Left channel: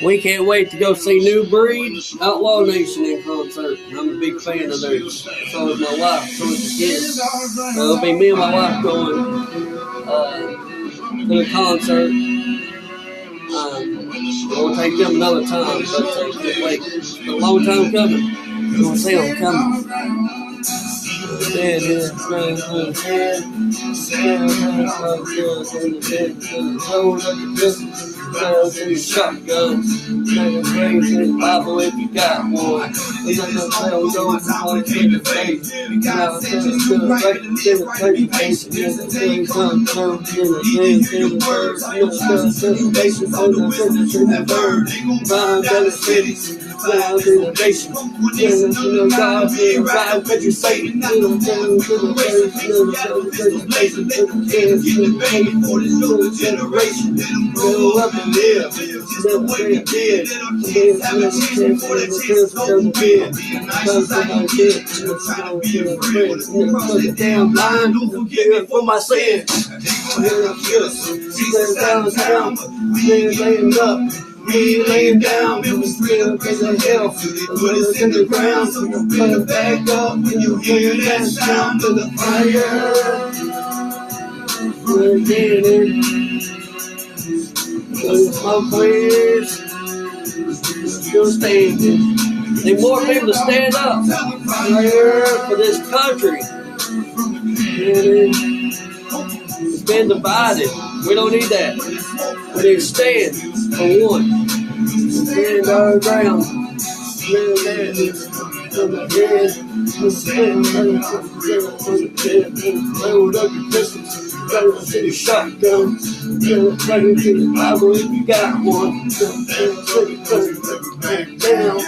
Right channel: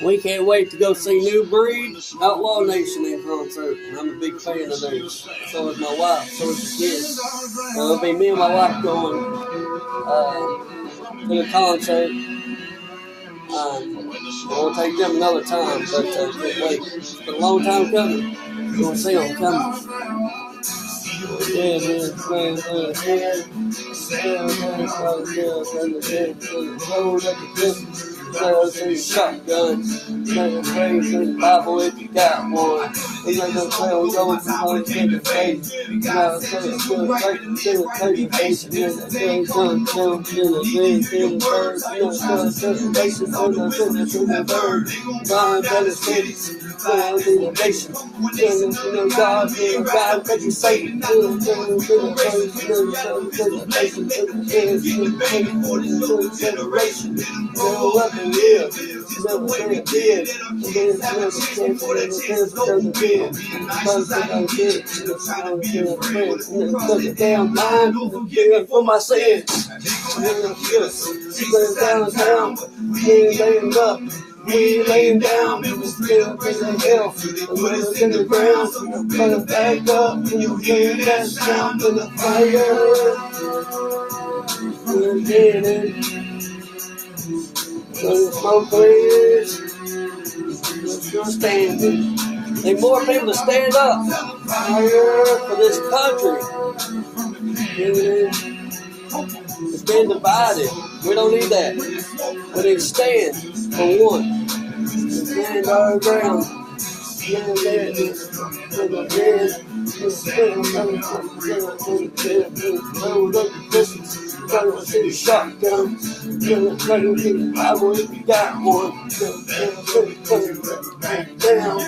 We can't wait to go see New Breed, Outlaw Nation in concert. I'm a big fan of theirs. So is my wife, so is the kids. It'll be me and my wife going to the concert. We'll take them another time, but can't wait. It's been a long time coming. We'll see them coming. Shotgun, crazy Bible if you got one. We let them play on roads and always get the faith. Now it's good, right? Damn mind for my sins. Down, we ain't laying up. We ain't laying down, it was real crazy hell. They put us in the ground, so you better back up when you hear that sound of the fire. We're getting it. The smoke clears. Still standing. Need more people to stand up. Fire for this country. It's been divided. We don't need that. We need to stand for one. Stand our ground. Shotgun. Bible if you got one. Back down.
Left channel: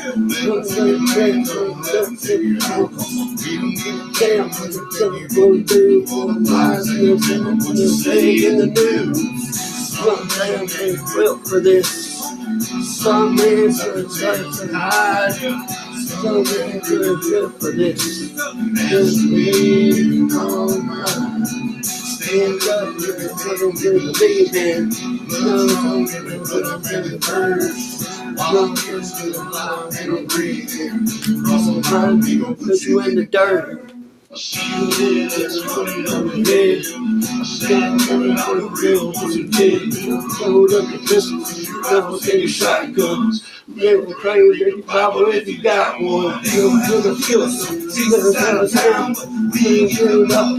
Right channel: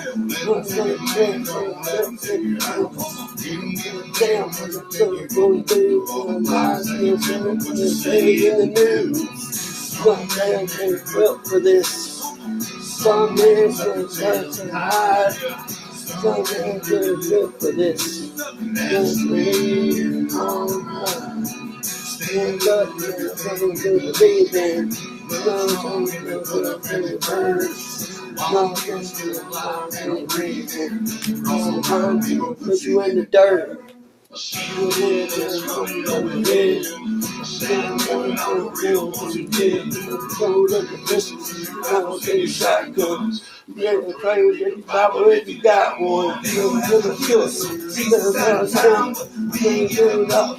Stay in the news. Well for this. Some men to hide. Some men good for this. Just leave on mine. Stand up, you're going to believe in. No, you're first. Long as you're alive and breathing. Sometimes people put you in the dirt. Hold up your pistols, rebel city shotguns. Never crazy if you Bible if you got one. You never kill us. See us out of town, we ain't giving up.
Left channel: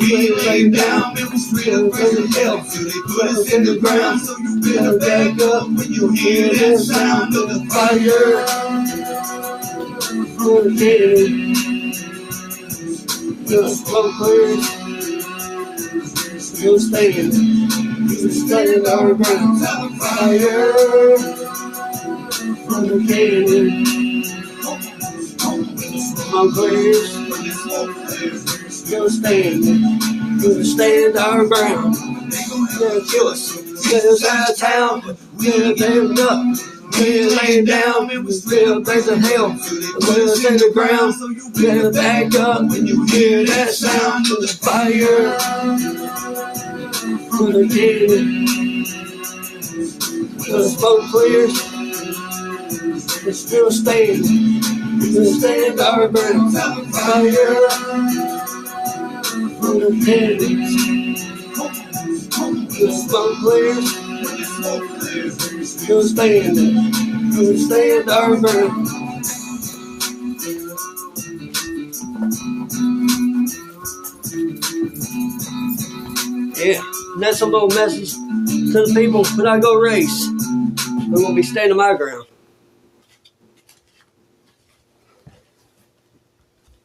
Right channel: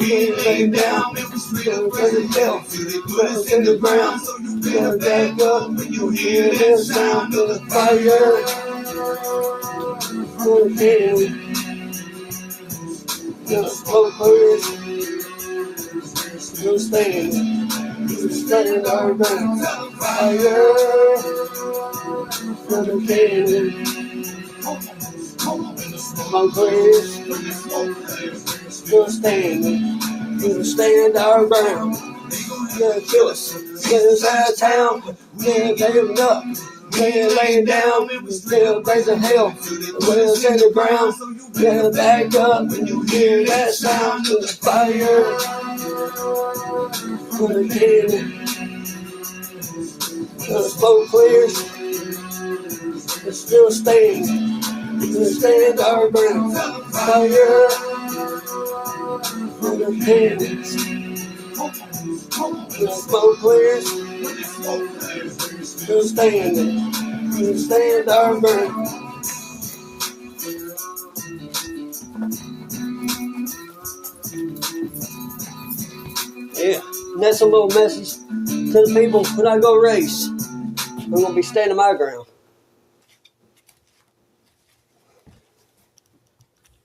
We ain't laying down, it was real crazy hell. They put us in the ground, so you better back up when you hear that sound of the fire. The smoke clears. You'll stand. You'll stand our ground. Fire from the cannon. Smoke clears. You'll stand. You'll stand our ground. They'll kill us. Get us out of town. We ain't giving up. We ain't laying down, it was real crazy hell. Put us in the ground, so you better back up when you hear that sound of the fire. For the cannon, the smoke clears, it's still standing. We'll stand our ground. Fire for the cannons, the smoke clears. We'll stand our ground. Yeah, and that's a little message to the people when I go race. I'm gonna be standing my ground.